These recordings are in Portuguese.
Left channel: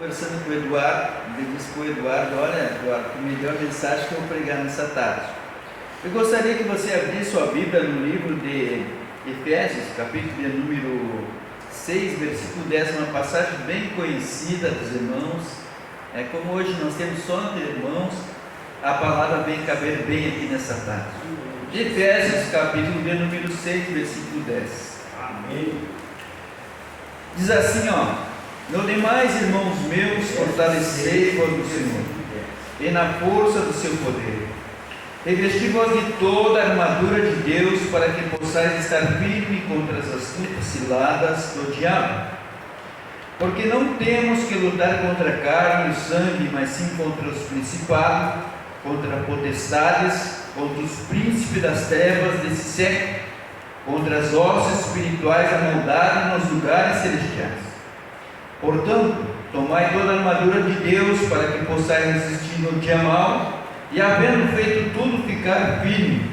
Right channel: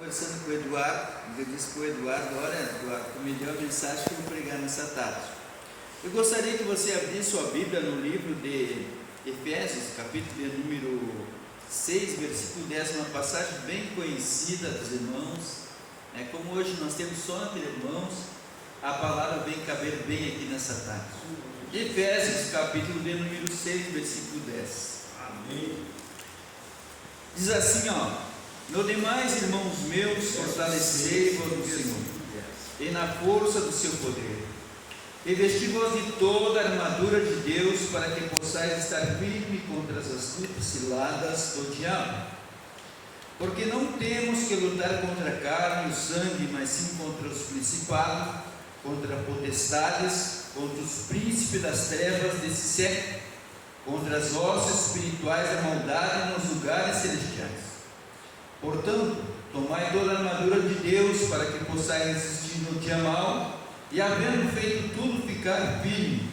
Conversando com o Eduardo, ele disse para o Eduardo: olha, Eduardo, tu me deu a mensagem que eu vou pregar nessa tarde. Eu gostaria que você abrisse sua Bíblia no livro de Efésios, capítulo de número 6, versículo 10, uma passagem bem conhecida dos irmãos. Como hoje nós temos só entre irmãos, a palavra vem caber bem aqui nessa tarde. Efésios, capítulo de número 6, versículo 10. Amém. Diz assim, no demais, irmãos meus, fortalecei-vos no Senhor, e na força do seu poder. Revesti-vos de toda a armadura de Deus, para que possais estar firme contra as astutas ciladas do diabo. Porque não temos que lutar contra a carne e o sangue, mas sim contra os principados, contra potestades, contra os príncipes das trevas desse século, contra as hostes espirituais da maldade nos lugares celestiais. Portanto, tomai toda a armadura de Deus, para que possais resistir no dia mau, e havendo feito tudo, ficar firme.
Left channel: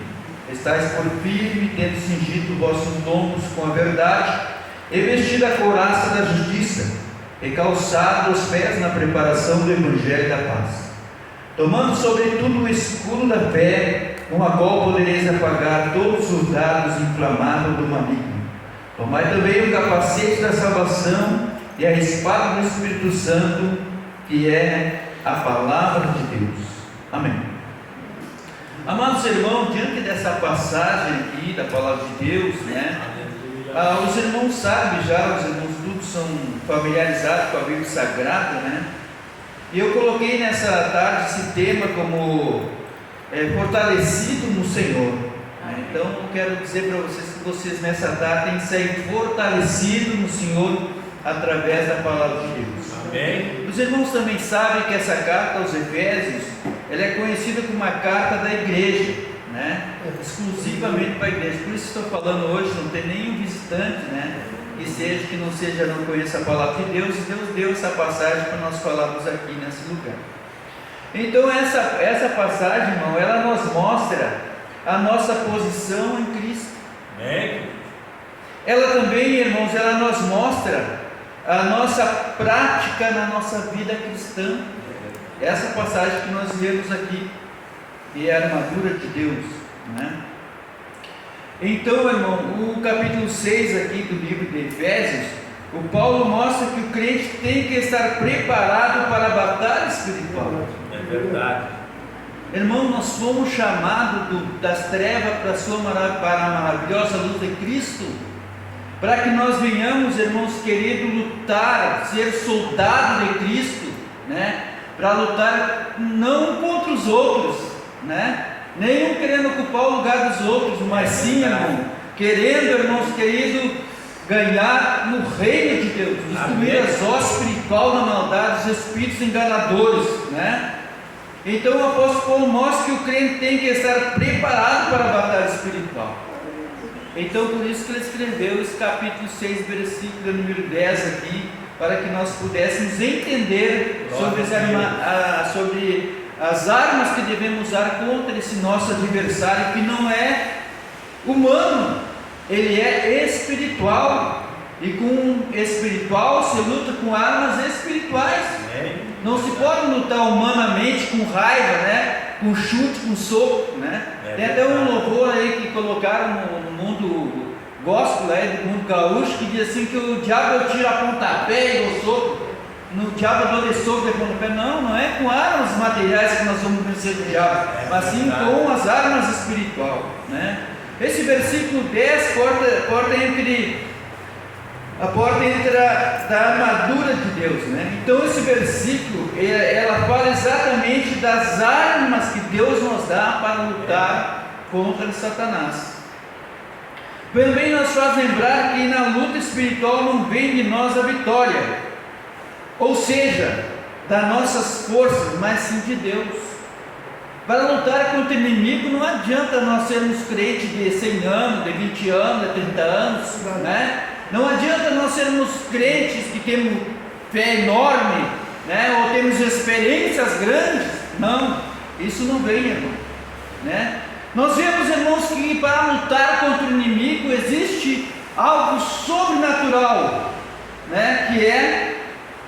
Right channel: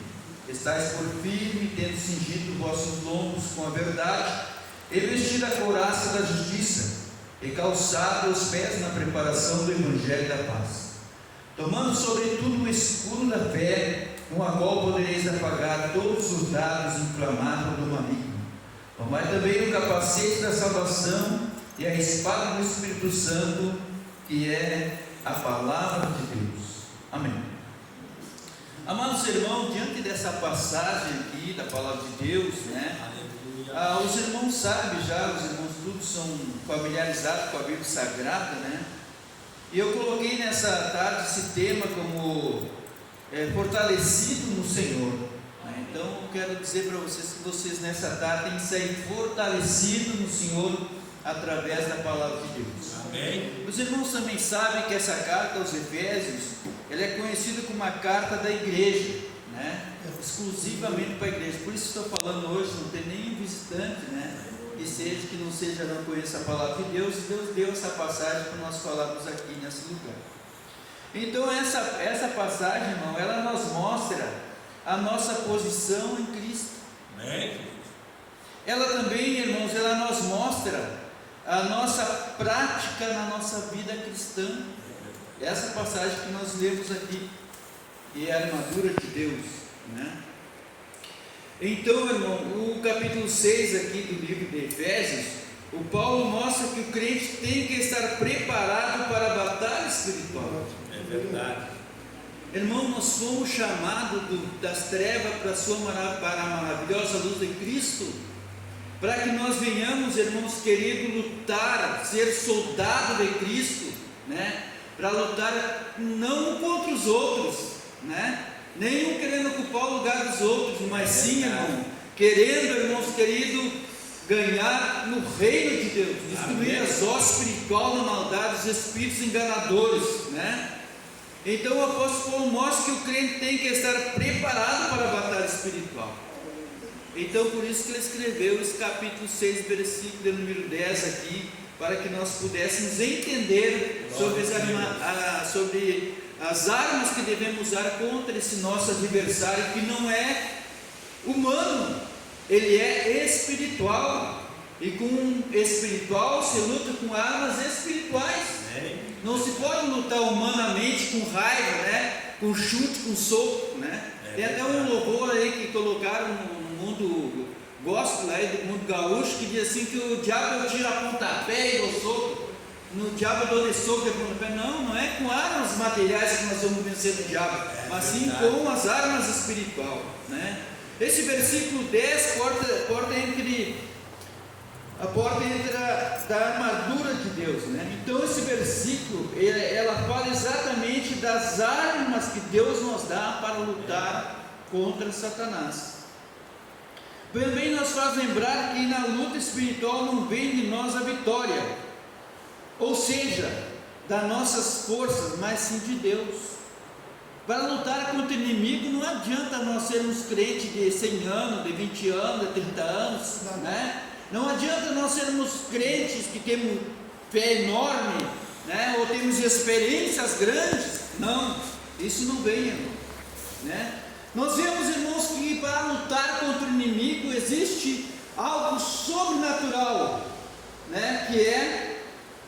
Estais por firme, tendo cingido vossos lombos com a verdade, e vestido a couraça da justiça, e calçado os pés na preparação do Evangelho da paz. Tomando sobretudo o escudo da fé, com a qual podereis apagar todos os dardos inflamados do maligno. Tomai também o capacete da salvação e a espada do Espírito Santo, que é a palavra de Deus. Amém. Amados irmãos, diante dessa passagem aqui da palavra de Deus, os irmãos sabem já, os irmãos todos são familiarizados com a Bíblia Sagrada, e eu coloquei nessa tarde esse tema como fortalecido no Senhor. Então eu quero dizer para vocês que vocês nessa tarde têm que sair fortalecidos no Senhor através da palavra de Deus. Amém. Os irmãos também sabem que essa carta aos Efésios, ela é conhecida como uma carta da igreja, exclusivamente para a igreja. Por isso estou falando hoje, não tem nenhum visitante, que não seja, não conheça a palavra de Deus, e Deus deu essa passagem para nós falarmos aqui nesse lugar. Então essa passagem, irmão, ela nos mostra a nossa posição em Cristo. Amém. Ela também, irmãos, ela nos mostra a nossa prática na nossa vida cristã. Essa passagem que nós lemos aqui, que é a armadura de Deus, Então, irmão, o capítulo 6 aqui do livro de Efésios, o Paulo mostra que o crente tem que estar preparado para a batalha espiritual. É verdade. Irmão, nós fomos chamados das trevas para a maravilhosa luz de Cristo, para que nós venhamos, irmãos queridos, lutar, ser soldado de Cristo, para lutar não contra os outros, nenhum querendo ocupar o lugar dos outros, mas sim, irmão, querendo, irmãos queridos, ganhar no reino de Deus, destruir as hostes espirituais na maldade, os espíritos enganadores, Então o apóstolo Paulo mostra que o crente tem que estar preparado para a batalha espiritual. Então por isso que ele escreveu esse capítulo 6, versículo número 10 aqui, para que nós pudéssemos entender sobre as armas que devemos usar contra esse nosso adversário, que não é humano, ele é espiritual, e com espiritual se luta com armas espirituais. Não se pode lutar humanamente com raiva, com chute, com soco, Tem até um louvor aí que colocaram no mundo gospel, do mundo gaúcho, que diz assim que o diabo tira a pontapé e o soco, no diabo eu dou de soco e pontapé. Não é com armas materiais que nós vamos vencer o diabo, mas sim com as armas espirituais, Esse versículo 10 a porta da armadura de Deus, Então esse versículo, ela fala exatamente das armas que Deus nos dá para lutar contra Satanás. Também nos faz lembrar que na luta espiritual não vem de nós a vitória, ou seja, das nossas forças, mas sim de Deus. Para lutar contra o inimigo não adianta nós sermos crentes de 100 anos, de 20 anos, de 30 anos, Não adianta nós sermos crentes que temos fé enorme, ou temos experiências grandes. Não, isso não vem, irmão, Nós vemos, irmãos, que para lutar contra o inimigo existe algo sobrenatural, que é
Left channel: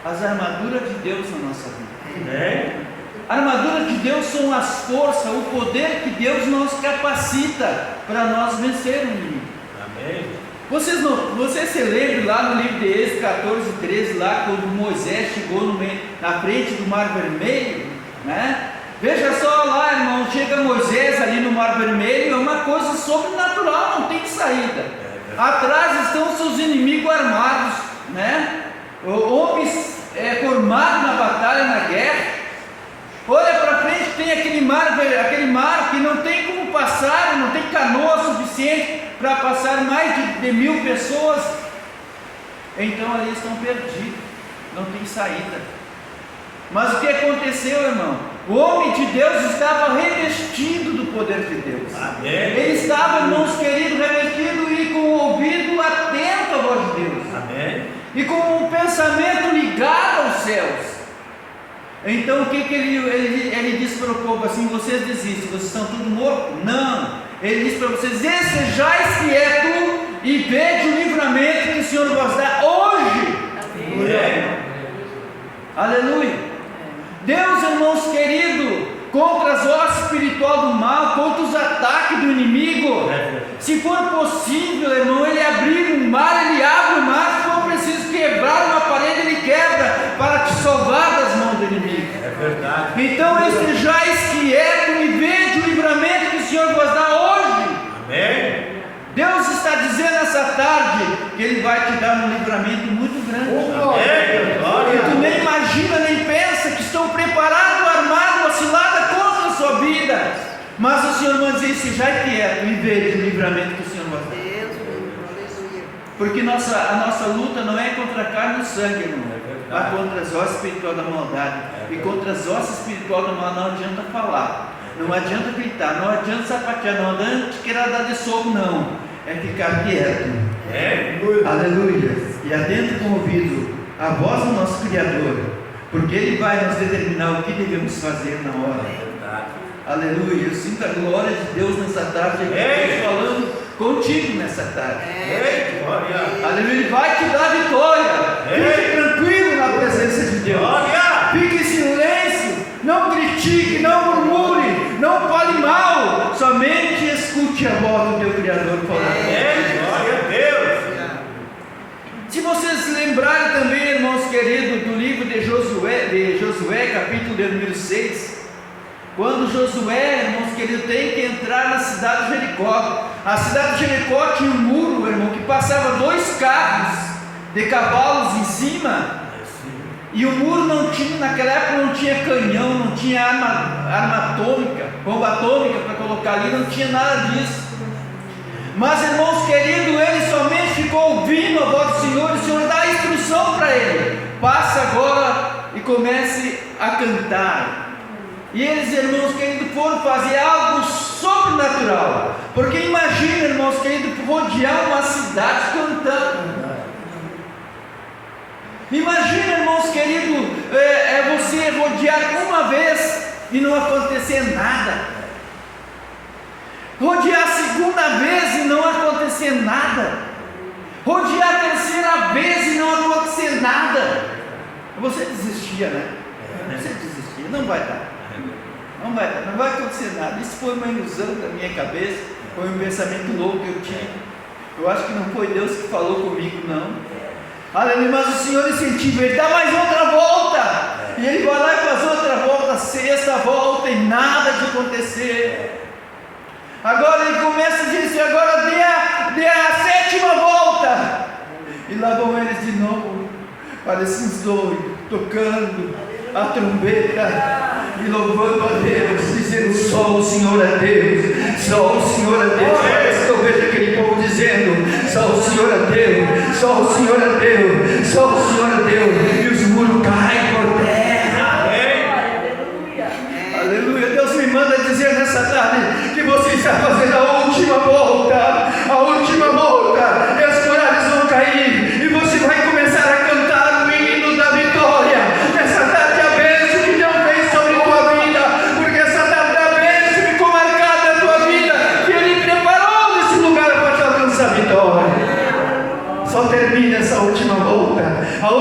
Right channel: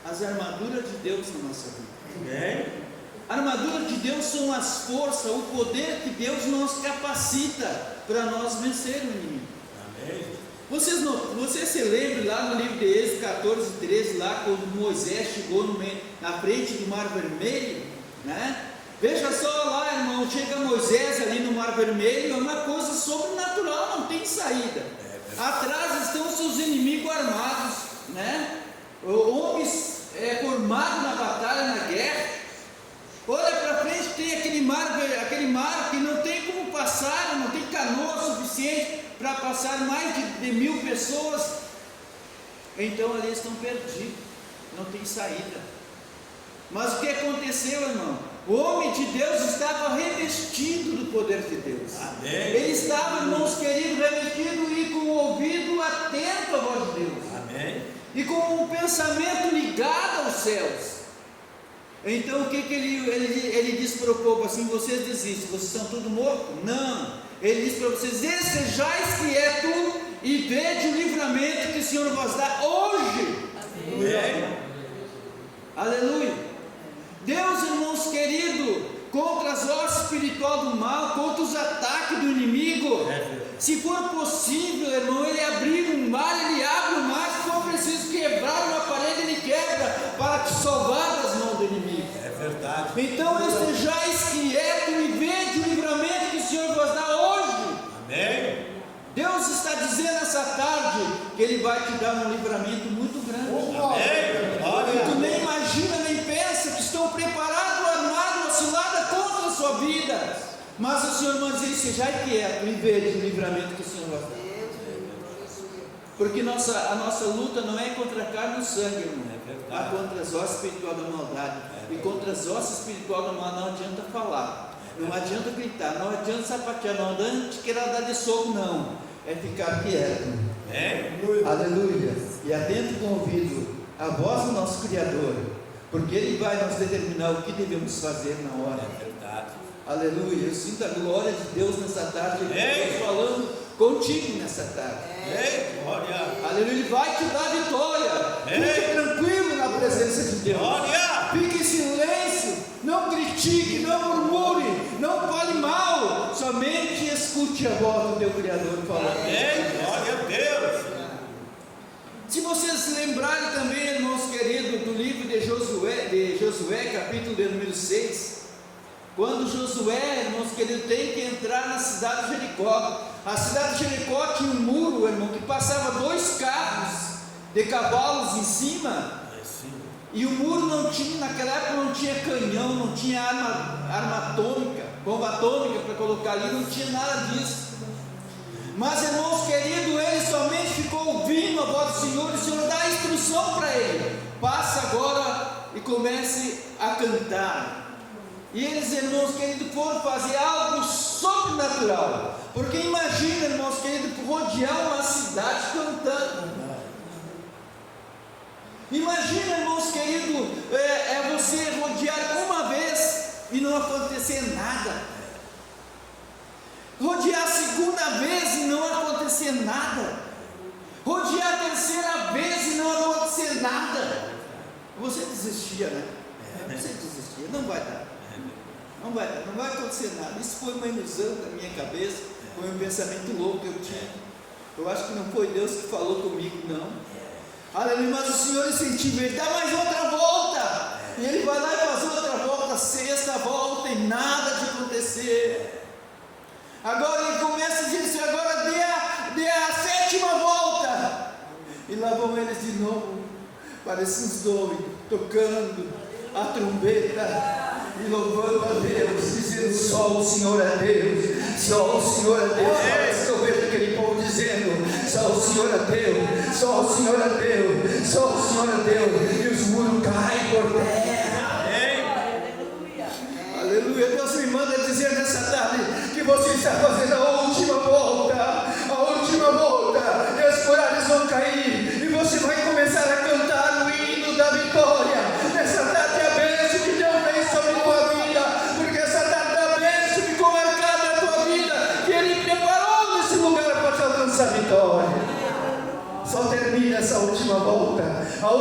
as armaduras de Deus na nossa vida. Amém. A armadura de Deus são as forças, o poder que Deus nos capacita para nós vencer o inimigo. Amém. Você se lembra lá no livro de Êxodo 14, 13, lá quando Moisés chegou na frente do Mar Vermelho, né? Veja só lá, irmão, chega Moisés ali no Mar Vermelho, é uma coisa sobrenatural, não tem saída. Atrás estão seus inimigos armados, né? Homens formados na batalha, na guerra. Olha para frente, tem aquele mar que não tem como passar, não tem canoa suficiente para passar mais de 1.000 pessoas. Então ali estão perdidos, não tem saída. Mas o que aconteceu, irmão? O homem de Deus estava revestido do poder de Deus. Amém. Ele estava, irmãos queridos, revestido e com o ouvido atento à voz de Deus. Amém. E com um pensamento ligado aos céus. Então o que ele disse para o povo assim: vocês desistem, vocês estão todos mortos? Não. Ele disse para vocês: estejais quietos e vede o livramento que o Senhor vos dá hoje. Amém. Aleluia. Deus, irmãos queridos, contra as hostes espiritual do mal, contra os ataques do inimigo, se for possível, irmão, ele abrir um mar, ele abre o mar. Se for preciso quebrar uma parede, ele quebra para te salvar das mãos do inimigo. É verdade. Então estejais quietos e vede o livramento que o Senhor vos dá hoje. Amém. Deus está dizendo essa tarde que Ele vai te dar um livramento muito grande. Amém. Glória. E tu nem imagina, nem pensa que estão preparados, armados, uma cilada contra a sua vida. Mas o Senhor vai dizer: sejai quieto e veja o livramento que o Senhor vai dar. Porque a nossa luta não é contra a carne e o sangue, irmão, mas contra as hostes espirituais da maldade. E contra as hostes espirituais do mal não adianta falar, não adianta gritar, não adianta sapatear, não adianta querer dar de soco, não. É ficar quieto. Aleluia. E adentro com o ouvido a voz do nosso Criador, porque Ele vai nos determinar o que devemos fazer na hora. Aleluia. Eu sinto a glória de Deus nessa tarde. Ele falando contigo nessa tarde. Aleluia. Ele vai te dar vitória. Fique tranquilo na presença de Deus. Fique em silêncio. Não critique, não murmure, não fale mal. Somente escute a voz do teu Criador falando. Glória a Deus. Se vocês se lembrarem também, irmãos queridos, do livro de Josué, capítulo de número 6, quando Josué, irmãos queridos, tem que entrar na cidade de Jericó. A cidade de Jericó tinha um muro, irmão, que passava 2 carros de cavalos em cima. E o muro não tinha, naquela época não tinha canhão, não tinha arma atômica, bomba atômica para colocar ali, não tinha nada disso. Mas, irmãos queridos, ele somente ficou ouvindo a voz do Senhor, e o Senhor dá a instrução para ele: passa agora e comece a cantar. E eles, irmãos queridos, foram fazer algo sobrenatural. Porque imagina, irmãos queridos, rodear uma cidade cantando. Imagina, irmãos queridos, você rodear uma vez e não acontecer nada. Rodear a segunda vez e não acontecer nada. Rodear a terceira vez e não acontecer nada. Você desistia, né? Você desistia, não vai dar. Não vai acontecer nada. Isso foi uma ilusão da minha cabeça, foi um pensamento louco que eu tinha. Eu acho que não foi Deus que falou comigo, não. Aleluia, mas o Senhor incentiva, Ele dá mais outra volta. E ele vai lá e faz outra volta, 6ª volta, e nada de acontecer. Agora ele começa a dizer: agora dê a 7ª volta. E lá vão eles de novo, parecem os doidos, tocando a trombeta e louvando a Deus, dizendo: só o Senhor é Deus, só o Senhor é Deus. Parece que eu vejo aquele povo dizendo: só o Senhor é Deus, só o Senhor é Deus, só o Senhor é Deus. E os muros caem por terra. Aleluia. Deus me manda dizer nessa tarde que você está fazendo a última volta, a última volta. E os muralhas vão cair e você vai começar a cantar o hino da vitória. Nessa tarde a bênção que Deus fez sobre a tua vida, porque essa tarde a bênção ficou marcada na tua vida, que Ele preparou nesse lugar para te alcançar a vitória. Só termina essa última volta. A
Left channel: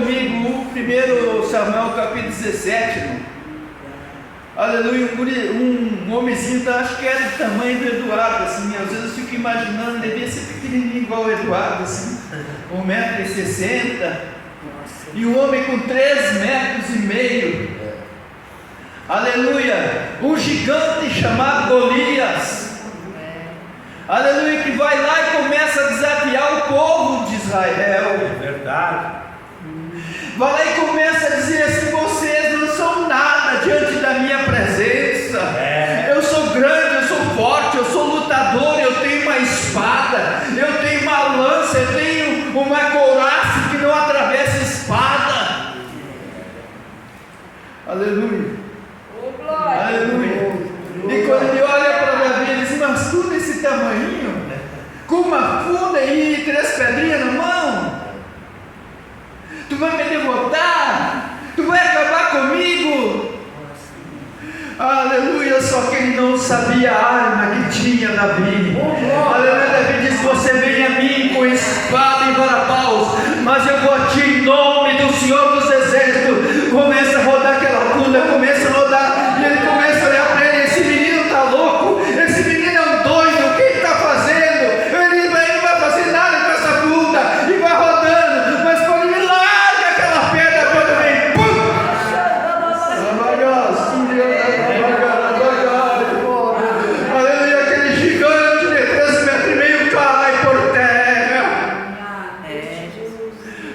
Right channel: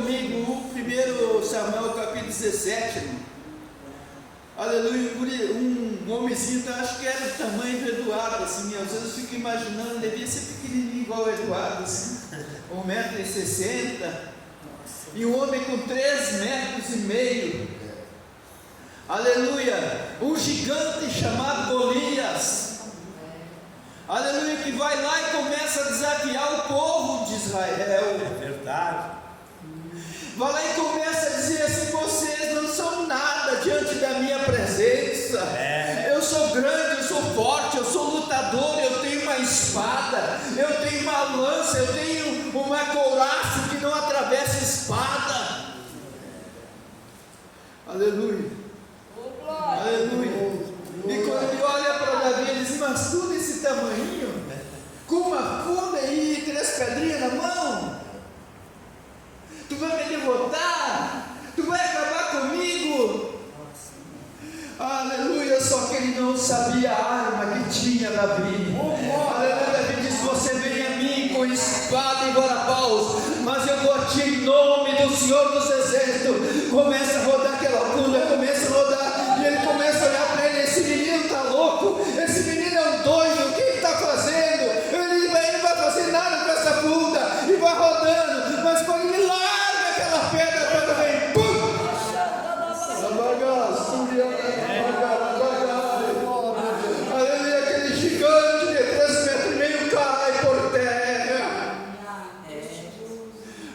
comigo o 1 Samuel capítulo 17, irmão. Aleluia, um homenzinho, acho que era do tamanho do Eduardo, assim, às vezes eu fico imaginando, devia ser pequenininho igual o Eduardo, assim, 1,60 m, e um homem com 3,5 metros. Aleluia, um gigante chamado Golias, aleluia, que vai lá e começa a desafiar o povo de Israel. É verdade. Vai lá e começa a dizer assim: vocês não são nada diante da minha presença. Eu sou grande, eu sou forte, eu sou lutador, eu tenho uma espada, eu tenho uma lança, eu tenho uma couraça que não atravessa a espada. Aleluia. Aleluia. E quando ele olha para Davi, ele diz: mas tu desse tamanho, com uma funda e 3 pedrinhas na mão, tu vai me derrotar? Tu vai acabar comigo? Aleluia, só que ele não sabia a arma que tinha Davi. Aleluia, Davi diz: você vem a mim com espada e vara-paus, mas eu vou a ti em nome do Senhor dos Exércitos. Começa a rodar aquela funda, começa a rodar, e ele começa a olhar para ele: esse menino está louco, esse menino é um doido, o que ele está fazendo? Ele não vai fazer nada com essa funda, e vai rodando, mas quando ele larga aquela pedra, quando vem, pum! Aleluia, aquele gigante de 3,5 metros cai por terra.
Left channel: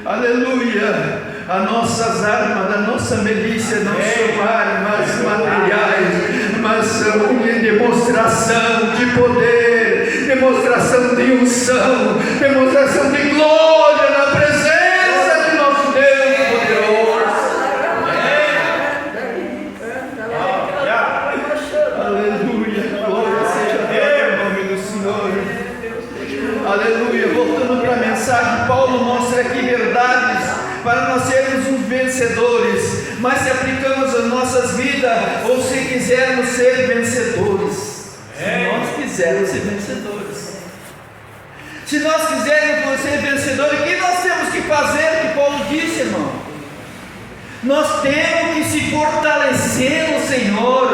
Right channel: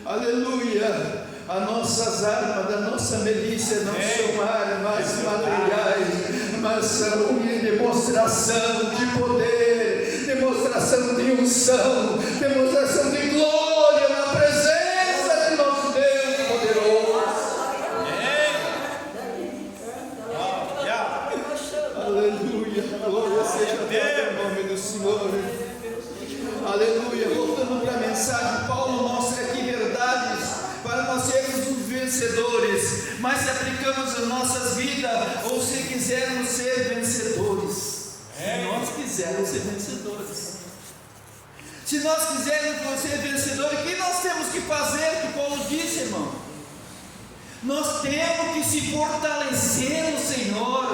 Aleluia, as nossas armas, a nossa milícia não são armas materiais, mas são de demonstração de poder, demonstração de unção, demonstração de glória na presença de nosso Deus poderoso. Aleluia, glória seja Deus, em nome do Senhor. Aleluia, voltando para a mensagem, Paulo mostra aqui verdades para nós sermos uns vencedores, mas se aplicamos as nossas vidas, ou se quisermos ser vencedores, se nós quisermos ser vencedores, se nós quisermos ser vencedores, o que nós temos que fazer? O que Paulo disse, irmão? Nós temos que se fortalecer no Senhor.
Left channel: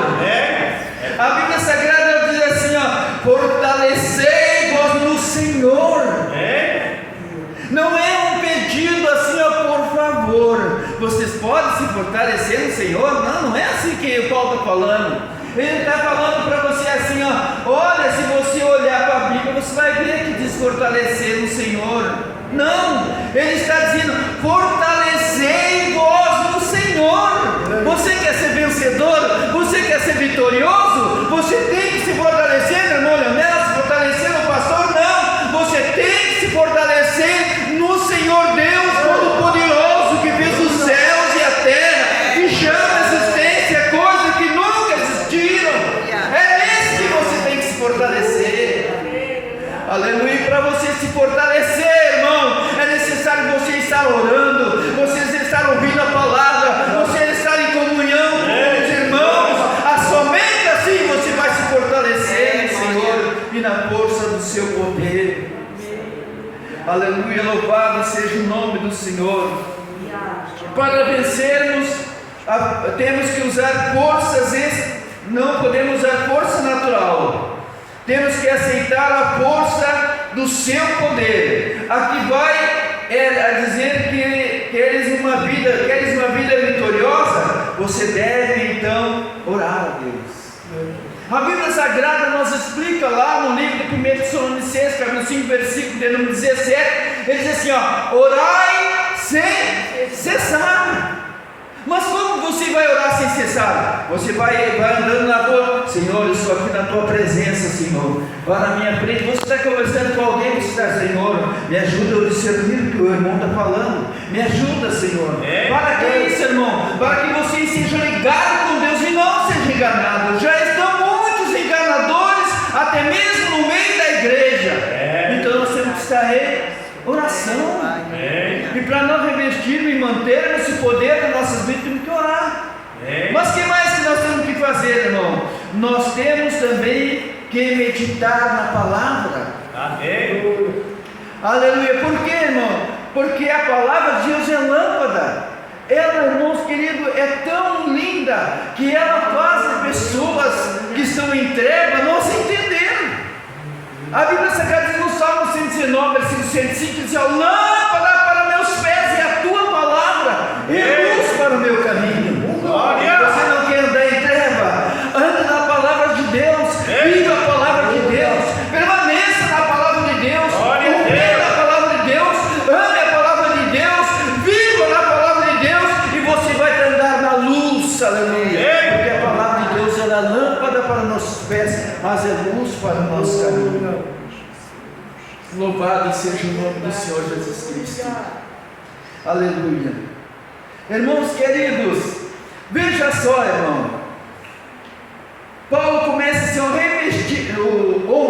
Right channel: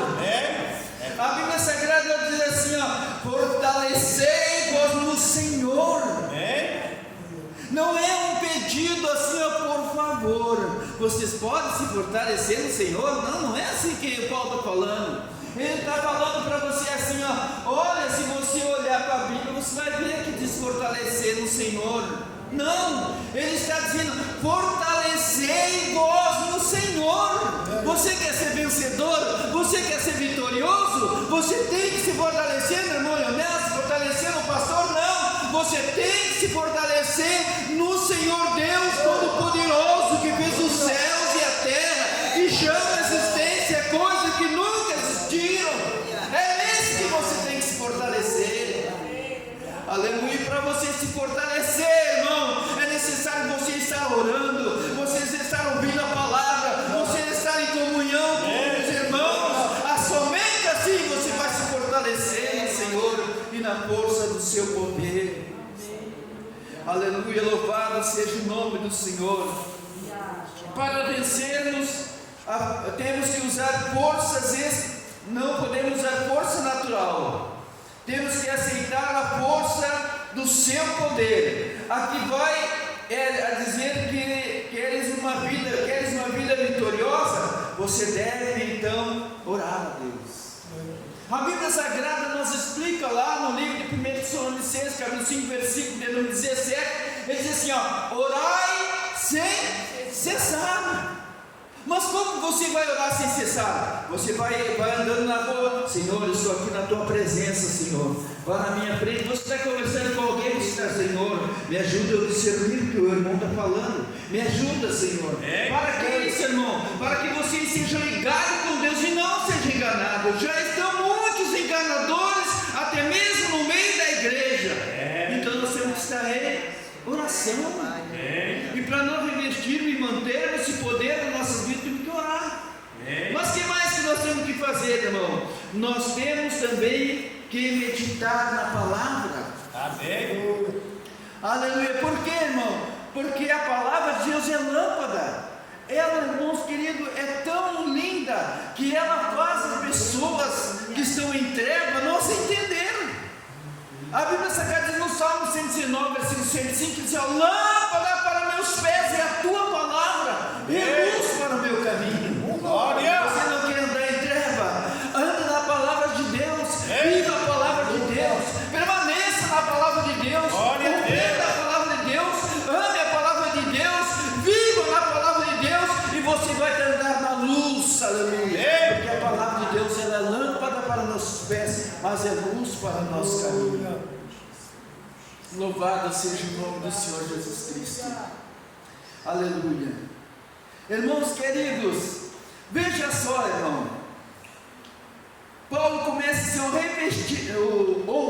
A Bíblia Sagrada diz assim, ó: fortalecei-vos no Senhor. Não é um pedido assim, ó, por favor, vocês podem se fortalecer no Senhor? Não é assim que o Paulo está falando. Ele está falando para você assim, ó: olha, se você olhar para a Bíblia, você vai ver que diz fortalecer no Senhor. Não, ele está dizendo: fortalecei-vos no Senhor. Você quer ser vencedor? Você quer ser vitorioso? Você tem que se fortalecer, meu irmão Leonel, se fortalecer no pastor? Não, você tem que se fortalecer no Senhor Deus Todo-Poderoso, que fez os céus e a terra, que chama a existência coisas que nunca existiram. É nesse que você tem que se fortalecer. Aleluia. Para você se fortalecer, irmão, é necessário você estar orando, você estar ouvindo a palavra, você estar em comunhão com os irmãos. Somente assim você vai se fortalecer no Senhor e na força do seu poder. Aleluia, louvado seja o nome do Senhor. Para vencermos, temos que usar forças, não podemos usar força natural, temos que aceitar a força do seu poder. Aqui vai a dizer que queres uma vida vitoriosa, você deve então orar a Deus. A Bíblia Sagrada nos explica lá no livro de 1 Tessalonicenses, capítulo 5, versículo de número 17, ele diz assim, ó: orai sem cessar. Mas como você vai orar sem cessar? Você vai andando na rua: Senhor, eu estou aqui na tua presença, Senhor, vá na minha frente. Você está conversando com alguém, você está: Senhor, me ajuda a discernir o que o irmão está falando, me ajuda, Senhor. Para que isso, irmão? Para que você esteja ligado com Deus e não seja enganado. Já estão muitos enganadores, até mesmo no meio da igreja. Então nós temos que estar em oração. E para nós revestirmos e mantermos esse poder nas nossas vidas, temos que orar. Mas o que mais que nós temos que fazer, irmão? Nós temos também que meditar na palavra. Amém. Aleluia. Por quê, irmão? Porque a palavra de Deus é lâmpada. palavra, ela, irmãos queridos, é tão linda que ela faz as pessoas que estão em trevas não se entenderem. A Bíblia Sagrada diz no Salmo 119, versículo 105, diz: lâmpada para meus pés é a tua palavra e luz para o meu caminho. Você não quer andar em treva? Ande na palavra de Deus, viva a palavra de Deus, permaneça na palavra de Deus, confie na palavra de Deus, ame a palavra de Deus, viva na palavra de Deus, e você vai andar na luz, aleluia, porque a palavra de Deus ela é lâmpada para nossos pés, mas é luz para o nosso caminho. Louvado seja o nome do Senhor Jesus Cristo, aleluia. Irmãos queridos, veja só, irmão, Paulo começa assim, o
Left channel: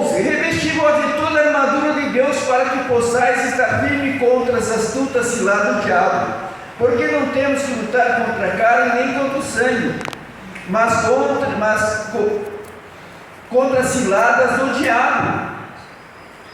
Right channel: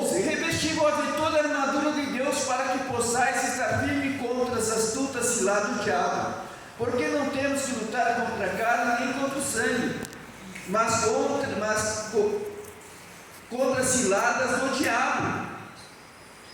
11: revesti-vos de toda a armadura de Deus, para que possais estar firme contra as astutas ciladas do diabo, porque não temos que lutar contra a carne nem contra o sangue, mas contra as ciladas do diabo.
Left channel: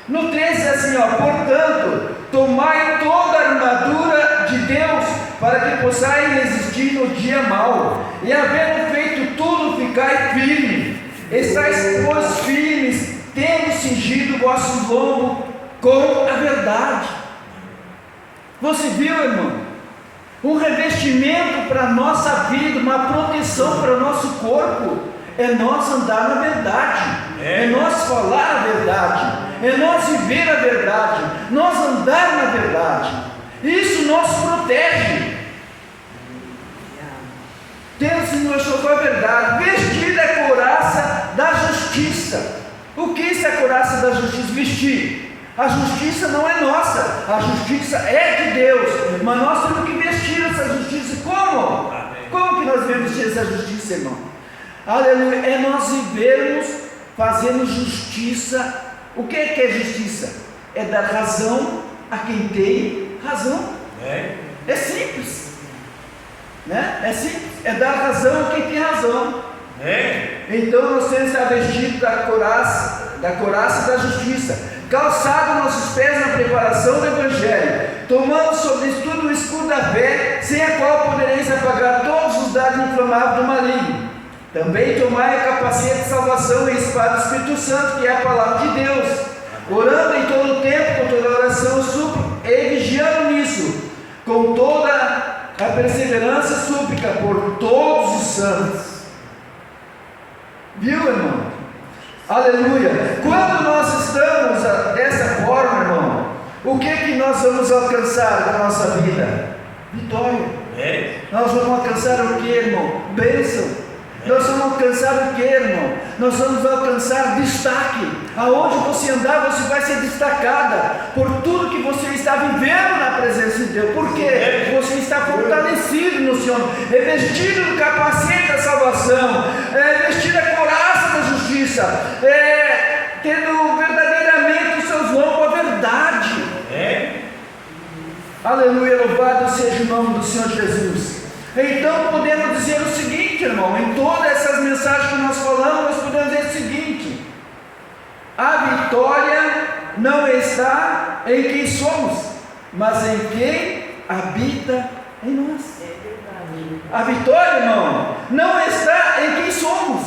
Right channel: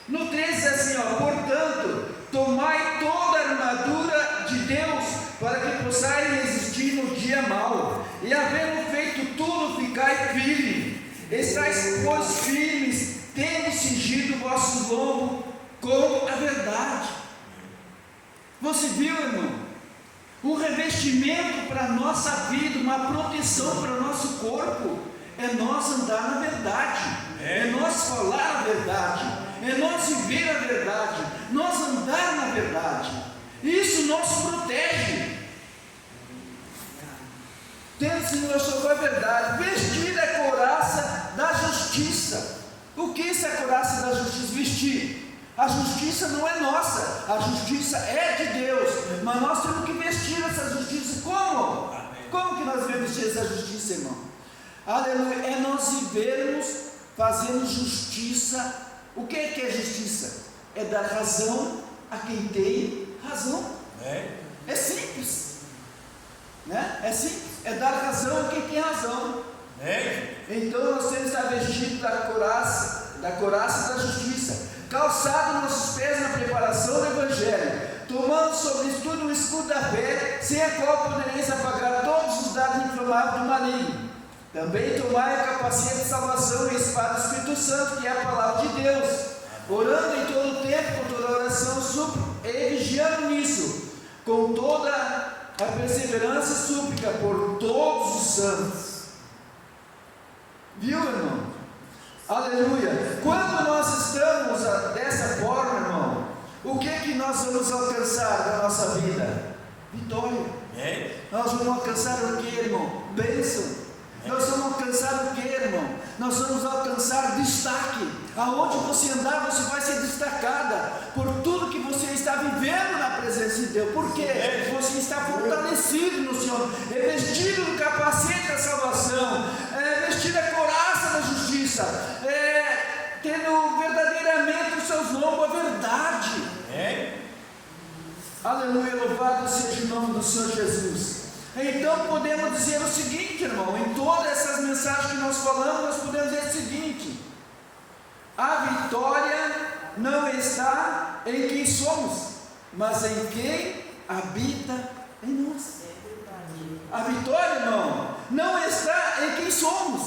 No 13 assim, portanto, tomai toda a armadura de Deus, para que possais resistir no dia mau, e havendo feito tudo, ficai firme. Estais, pois, firmes, tendo cingido vossos lombos com a verdade. Você viu, irmão? Um revestimento para a nossa vida, uma proteção para o nosso corpo, é nós andar na verdade, é nós falar a verdade, é nós viver a verdade, nós andar na verdade. Isso nos protege. Temos a verdade, vestir a couraça da justiça. O que é a couraça da justiça? Vestir. A justiça não é nossa, a justiça é de Deus, mas nós temos que vestir essa justiça. Como? Como que nós devemos vestir essa justiça, irmão? Aleluia, é nós vivermos fazendo justiça. O que é justiça? É dar razão a quem tem razão. É simples, né? É simples, é dar razão a quem tem razão. Então nós temos que estar vestidos da couraça da justiça, calçado nossos pés na preparação do Evangelho, tomando sobre tudo o escudo da fé, sem a qual podereis apagar todos os dardos inflamáveis do maligno. Também tomai a capacete de salvação e a espada do Espírito Santo, que é a palavra de Deus, orando em todo o tempo, com toda oração, súplica, e vigiando nisso, com toda a perseverança e súplica por todos os santos. Viu, irmão? Aleluia. Quando nós estamos dessa forma, irmão, o que nós vamos alcançar na nossa vida? Vitória. Nós vamos alcançar o que, irmão? Bênção. Nós vamos alcançar o que, irmão? Nós vamos alcançar destaque. Aonde você andar, você vai ser destacada por tudo que você está vivendo na presença de Deus. Por quê? Você está fortalecido no Senhor, revestido do capacete da salvação, vestido a couraça da justiça, tendo verdadeiramente os seus lombos a verdade. Aleluia, louvado seja o nome do Senhor Jesus. Então podemos dizer o seguinte, irmão, em todas essas mensagens que nós falamos, nós podemos dizer o seguinte: a vitória não está em quem somos, mas em quem habita em nós. A vitória, irmão, não está em quem somos,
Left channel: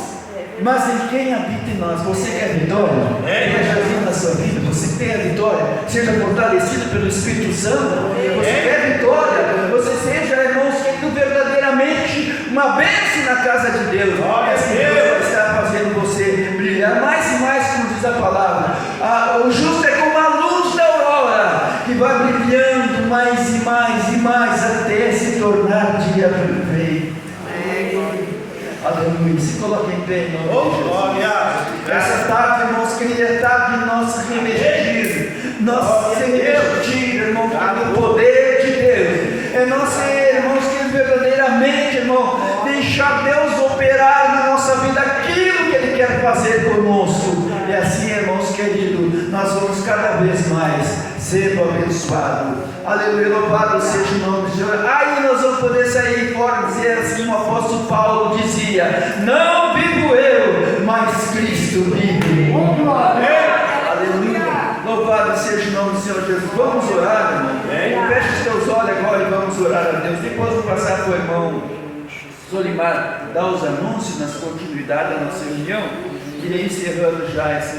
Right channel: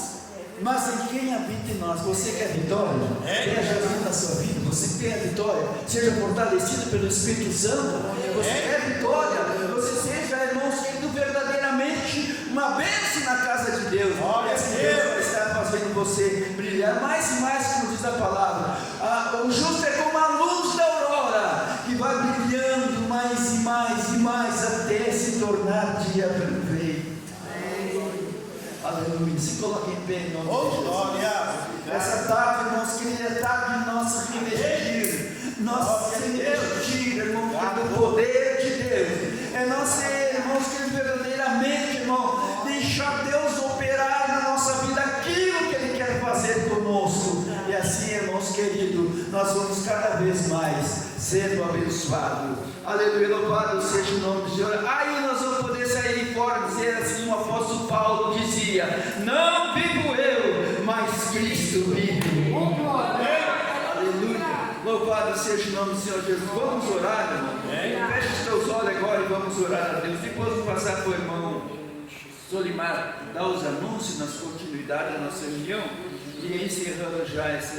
mas em quem habita em nós. Você quer vitória? Quer Jesus na sua vida? Você tem a vitória? Seja fortalecido pelo Espírito Santo. Você quer vitória? Você seja, irmãos, verdadeiramente uma bênção na casa de Deus. Assim Deus vai estar fazendo você brilhar mais e mais, como diz a palavra. O justo é como a luz da aurora, que vai brilhando mais e mais e mais até se tornar dia perfeito. Aleluia. Se coloque em pé em nome de Jesus. Essa tarde, irmãos, querida, tarde de nós revestir, nós se revestir, irmão, do poder de Deus. É nós ser, irmãos, que verdadeiramente, irmão, deixar Deus operar na nossa vida aquilo que Ele quer fazer conosco. E assim, irmãos queridos, nós vamos cada vez mais sendo abençoados. Aleluia, louvado seja o nome do Senhor. Aí nós vamos poder sair fora e dizer assim, como o apóstolo Paulo dizia: não vivo eu, mas Cristo vive. Aleluia, louvado seja o nome do Senhor Jesus. Vamos orar, irmão. Feche os teus olhos. olhem agora e vamos orar a Deus. Depois vou passar para o irmão Solimar dar os anúncios nas continuidades da nossa reunião, e encerrando já esse